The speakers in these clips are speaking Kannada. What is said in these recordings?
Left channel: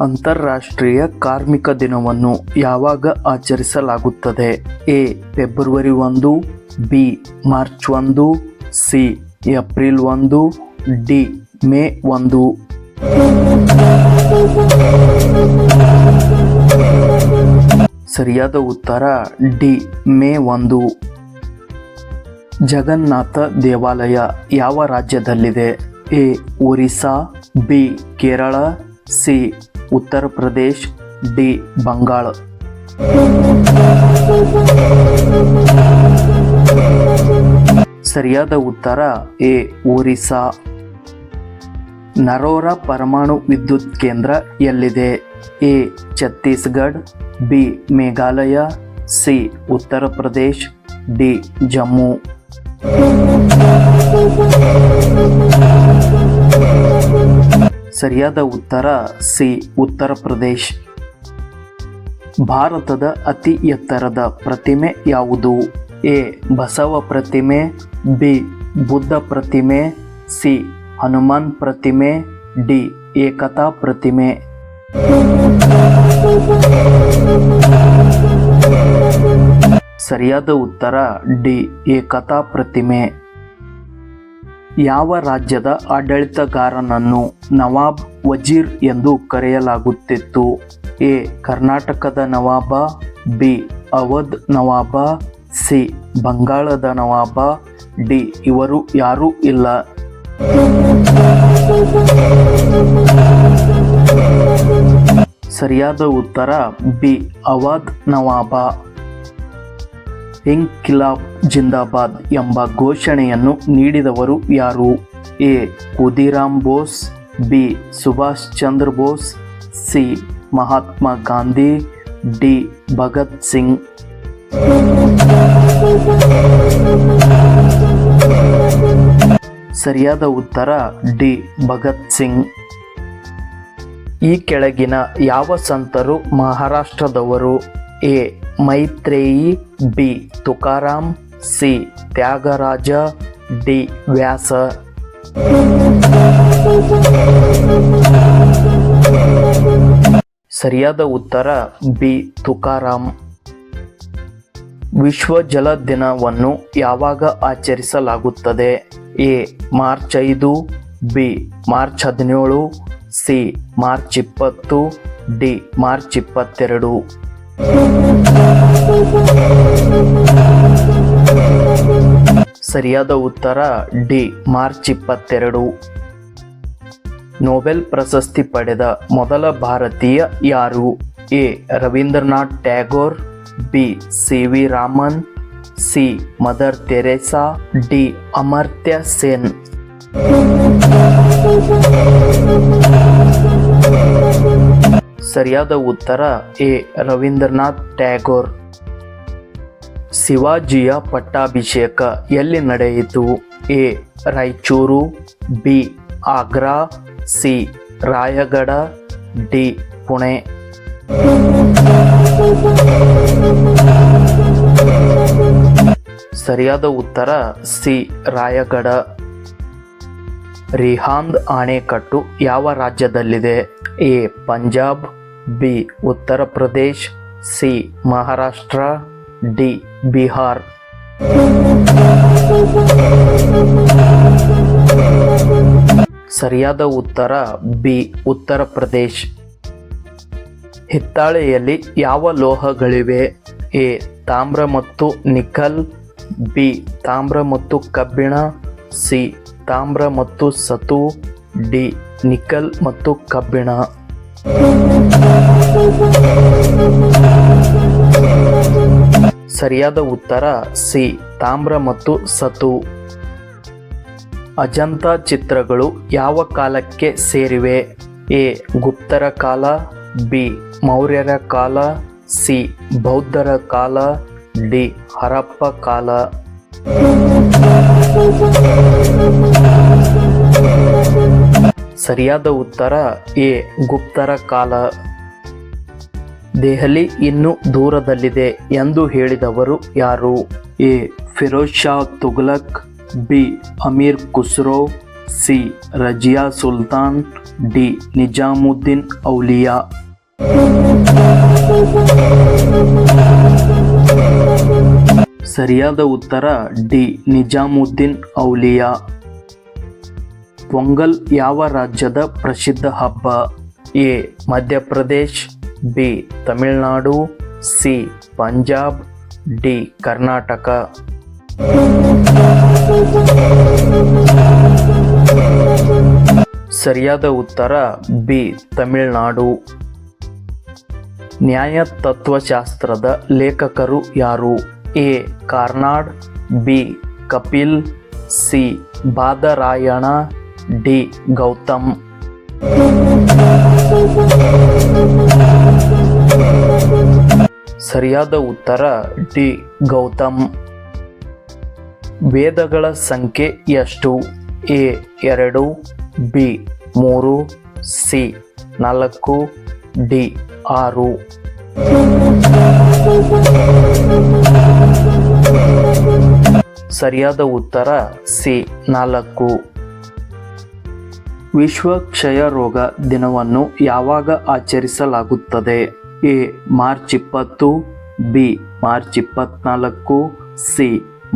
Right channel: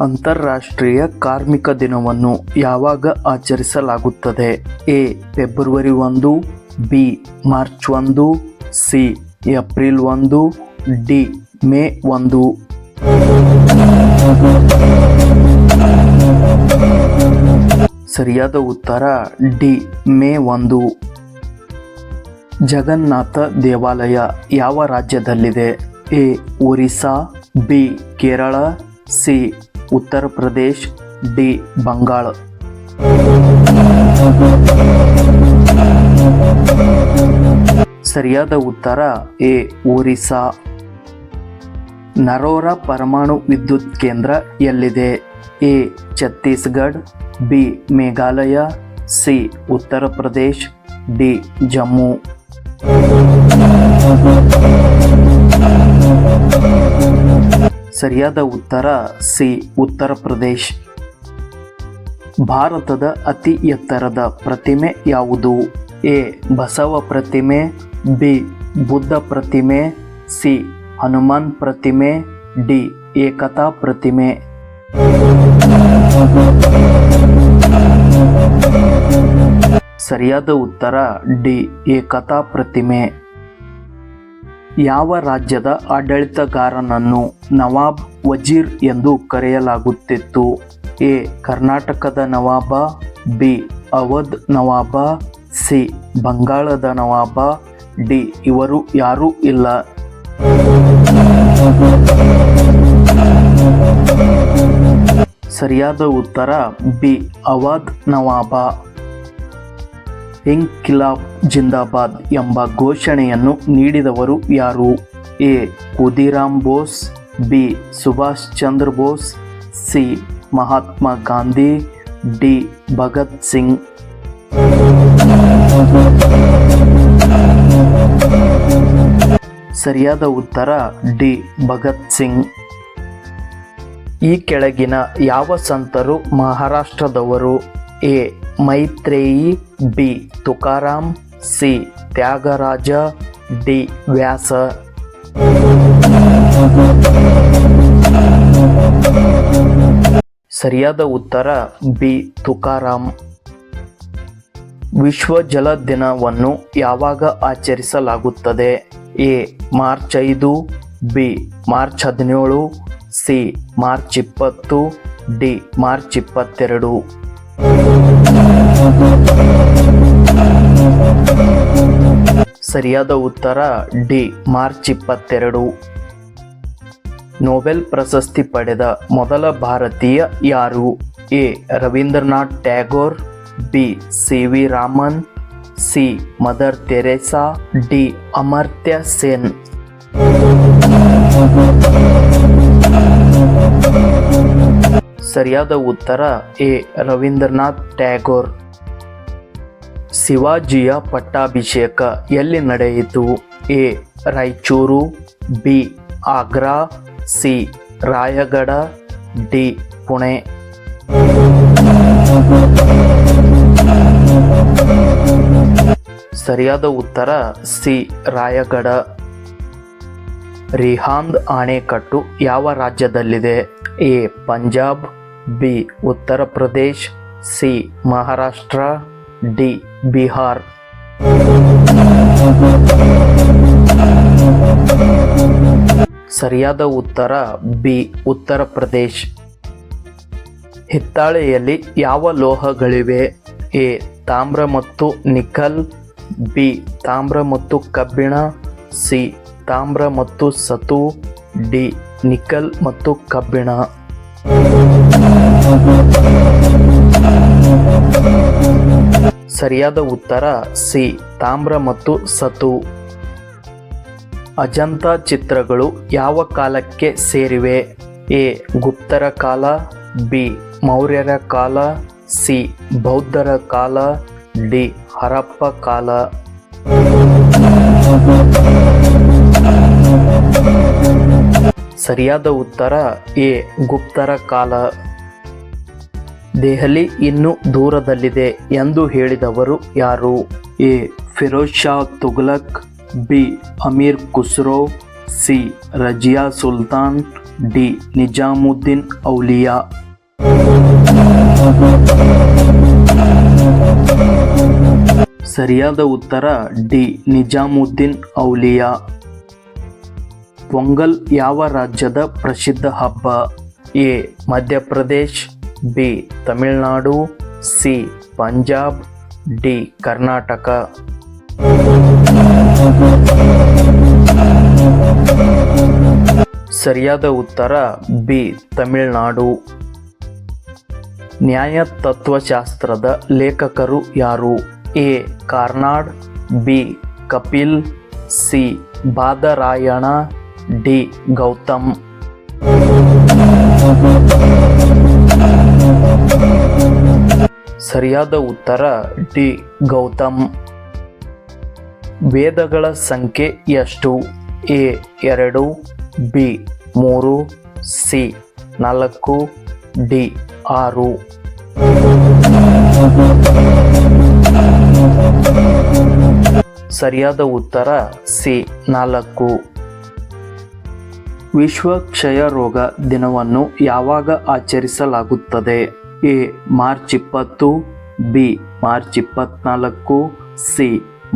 ಅಂತಾರಾಷ್ಟ್ರೀಯ ಕಾರ್ಮಿಕ ದಿನವನ್ನು ಯಾವಾಗ ಆಚರಿಸಲಾಗುತ್ತದೆ? A. February 1, B. March 1, C. April 1, D. May 1. ಸರಿಯಾದ ಉತ್ತರ ಡಿ. ಮೇ 1. ಜಗನ್ನಾಥ ದೇವಾಲಯ ಯಾವ ರಾಜ್ಯದಲ್ಲಿದೆ? A. Orissa, B. Kerala, C. Uttar Pradesh, D. Bangala. ಸರಿಯಾದ ಉತ್ತರ ಎ. ಒರಿಸ್ಸಾ. ನರೋರಾ ಪರಮಾಣು ವಿದ್ಯುತ್ ಕೇಂದ್ರ ಎಲ್ಲಿದೆ? A. Chhattisgarh, B. Meghalaya, C. Uttar Pradesh, D. Jammu. ಸರಿಯಾದ ಉತ್ತರ ಸಿ. ಉತ್ತರ ಪ್ರದೇಶ್. ಭಾರತದ ಅತಿ ಎತ್ತರದ ಪ್ರತಿಮೆ ಯಾವುದು? ಎ. ಬಸವ ಪ್ರತಿಮೆ, ಬಿ. ಬುದ್ಧ ಪ್ರತಿಮೆ, ಸಿ. ಹನುಮಾನ್ ಪ್ರತಿಮೆ, ಡಿ. ಏಕತಾ ಪ್ರತಿಮೆ. ಸರಿಯಾದ ಉತ್ತರ ಡಿ. ಏಕತಾ ಪ್ರತಿಮೆ. ಯಾವ ರಾಜ್ಯದ ಆಡಳಿತಗಾರನನ್ನು ನವಾಬ್ ವಜೀರ್ ಎಂದು ಕರೆಯಲಾಗುತ್ತಿತ್ತು? ಎ. ಕರ್ನಾಟಕದ ನವಾಬ, ಬಿ. ಅವಧ್ ನವಾಬ, ಸಿ. ಬಂಗಾಳದ ನವಾಬ, ಡಿ. ಇವರು ಯಾರೂ ಇಲ್ಲ. ಸರಿಯಾದ ಉತ್ತರ ಬಿ. ಅವಧ್ ನವಾಬ. ಇಂಕ್ವಿಲಾಬ್ ಜಿಂದಾಬಾದ್ ಎಂಬ ಘೋಷಣೆಯನ್ನು ನೀಡಿದವರು ಯಾರು? A. Khudiram Bose, B. Subhash Chandra Bose, C. Mahatma Gandhi, D. Bhagat Singh. ಸರಿಯಾದ ಉತ್ತರ ಡಿ. ಭಗತ್ ಸಿಂಗ್. ಈ ಕೆಳಗಿನ ಯಾವ ಸಂತರು ಮಹಾರಾಷ್ಟ್ರದವರು? A. Maitreyi, B. Tukaram, C. Tyagaraja, D. Vyasa. ಸರಿಯಾದ ಉತ್ತರ ಬಿ. ತುಕಾರಾಮ್. ವಿಶ್ವ ಜಲ ದಿನವನ್ನು ಯಾವಾಗ ಆಚರಿಸಲಾಗುತ್ತದೆ? A. March 5, B. March 17, C. March 20, D. March 22. ಸರಿಯಾದ ಉತ್ತರ ಡಿ. ಮಾರ್ಚ್ 22. ನೊಬೆಲ್ ಪ್ರಶಸ್ತಿ ಪಡೆದ ಮೊದಲ ಭಾರತೀಯ ಯಾರು? A. Rabindranath Tagore, B. C. V. Raman, C. Mother Teresa, D. Amartya Sen. ಸರಿಯಾದ ಉತ್ತರ ಎ. ರವೀಂದ್ರನಾಥ್ ಟ್ಯಾಗೋರ್. ಶಿವಾಜಿಯ ಪಟ್ಟಾಭಿಷೇಕ ಎಲ್ಲಿ ನಡೆಯಿತು? A. Raichur, B. Agra, C. Raigad, D. Pune. ಸರಿಯಾದ ಉತ್ತರ ಸಿ. ರಾಯಗಢ. ರಿಹಾಂದ್ ಅಣೆಕಟ್ಟು ಯಾವ ರಾಜ್ಯದಲ್ಲಿದೆ? A. Punjab, B. Uttar Pradesh, C. Maharashtra, D. Bihar. ಸರಿಯಾದ ಉತ್ತರ ಬಿ. ಉತ್ತರ ಪ್ರದೇಶ್. ಹಿತ್ತಾಳೆಯಲ್ಲಿ ಯಾವ ಲೋಹಗಳಿವೆ? ಎ. ತಾಮ್ರ ಮತ್ತು ನಿಕಲ್, ಬಿ. ತಾಮ್ರ ಮತ್ತು ಕಬ್ಬಿಣ, ಸಿ. ತಾಮ್ರ ಮತ್ತು ಸತು, ಡಿ. ನಿಕಲ್ ಮತ್ತು ಕಬ್ಬಿಣ. ಸರಿಯಾದ ಉತ್ತರ ಸಿ. ತಾಮ್ರ ಮತ್ತು ಸತು. ಅಜಂತ ಚಿತ್ರಗಳು ಯಾವ ಕಾಲಕ್ಕೆ ಸೇರಿವೆ? ಎ. ಗುಪ್ತರ ಕಾಲ, ಬಿ. ಮೌರ್ಯರ ಕಾಲ, ಸಿ. ಬೌದ್ಧರ ಕಾಲ, ಡಿ. ಹರಪ್ಪ ಕಾಲ. ಸರಿಯಾದ ಉತ್ತರ ಎ. ಗುಪ್ತರ ಕಾಲ. ದೆಹಲಿ ಇನ್ನೂ ದೂರದಲ್ಲಿದೆ ಎಂದು ಹೇಳಿದವರು ಯಾರು? A. Firoz Shah Tughlaq, B. Amir Khusro, C. Razia Sultan, D Nizamuddin Auliya. ಸರಿಯಾದ ಉತ್ತರ ಡಿ ನಿಜಾಮುದ್ದೀನ್ ಔಲಿಯಾ. ಪೊಂಗಲ್ ಯಾವ ರಾಜ್ಯದ ಪ್ರಸಿದ್ಧ ಹಬ್ಬ? A Madhya Pradesh, B Tamil Nadu, C Punjab, D Karnataka. ಸರಿಯಾದ ಉತ್ತರ ಬಿ ತಮಿಳುನಾಡು. ನ್ಯಾಯ ತತ್ವಶಾಸ್ತ್ರದ ಲೇಖಕರು ಯಾರು? A Karnad, B Kapil, C Badarayana, D Gautam. ಸರಿಯಾದ ಉತ್ತರ ಡಿ ಗೌತಮ್. ವೇದಗಳ ಸಂಖ್ಯೆ ಎಷ್ಟು? A 2, B 3, C 4, D 6. ಸರಿಯಾದ ಉತ್ತರ ಸಿ 4. ವಿಶ್ವ ಕ್ಷಯ ರೋಗ ದಿನವನ್ನು ಯಾವಾಗ ಆಚರಿಸಲಾಗುತ್ತದೆ? A March 20, B March 24, C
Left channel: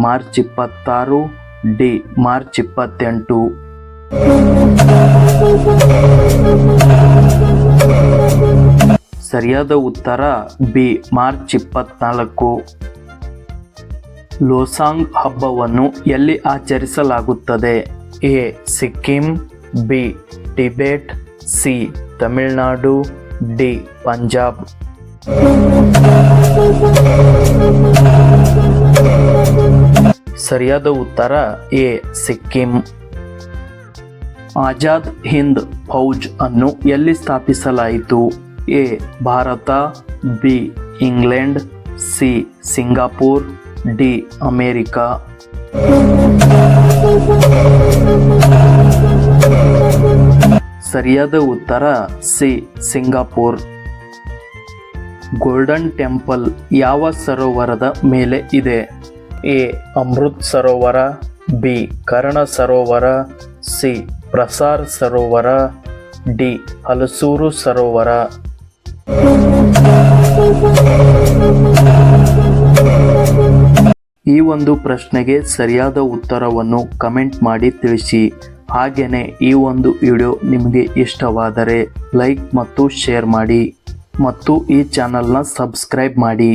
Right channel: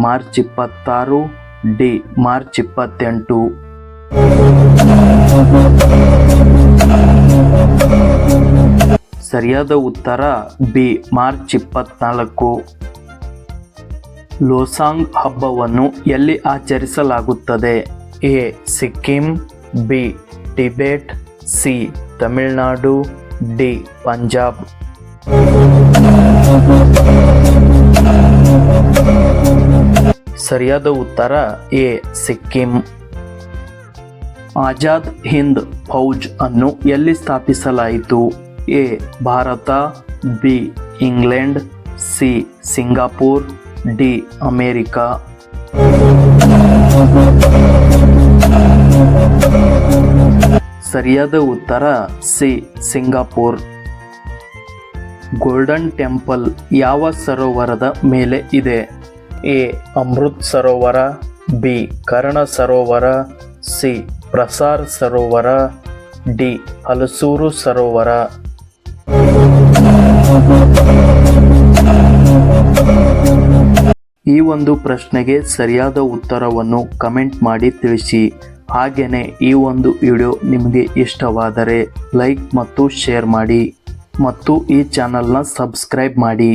March 26, D March 28. ಸರಿಯಾದ ಉತ್ತರ ಬಿ ಮಾರ್ಚ್ 24. ಲೋಸಾಂಗ್ ಹಬ್ಬವನ್ನು ಎಲ್ಲಿ ಆಚರಿಸಲಾಗುತ್ತದೆ? A Sikkim, B Tibet, C Tamil Nadu, D Punjab. ಸರಿಯಾದ ಉತ್ತರ ಎ ಸಿಕ್ಕಿಂ. ಆಜಾದ್ ಹಿಂದ್ ಫೌಜ್ ಅನ್ನು ಎಲ್ಲಿ ಸ್ಥಾಪಿಸಲಾಯಿತು? A Bharat, B England, C Singapore, D America. ಸರಿಯಾದ ಉತ್ತರ ಸಿ ಸಿಂಗಾಪುರ್. ಗೋಲ್ಡನ್ ಟೆಂಪಲ್ ಯಾವ ಸರೋವರದ ಮೇಲೆ ಇದೆ? ಎ ಅಮೃತ್ ಸರೋವರ, ಬಿ ಕರ್ಣ ಸರೋವರ, ಸಿ ಪ್ರಸಾರ್ ಸರೋವರ, ಡಿ ಹಲಸೂರು ಸರೋವರ. ಈ ಒಂದು ಪ್ರಶ್ನೆಗೆ ಸರಿಯಾದ ಉತ್ತರವನ್ನು ಕಮೆಂಟ್ ಮಾಡಿ ತಿಳಿಸಿ. ಹಾಗೆಯೇ ಈ ಒಂದು ವಿಡಿಯೋ ನಿಮಗೆ ಇಷ್ಟವಾದರೆ ಲೈಕ್ ಮತ್ತು ಶೇರ್ ಮಾಡಿ ಮತ್ತು ಈ ಚಾನಲ್ನ ಸಬ್ಸ್ಕ್ರೈಬ್ ಮಾಡಿ.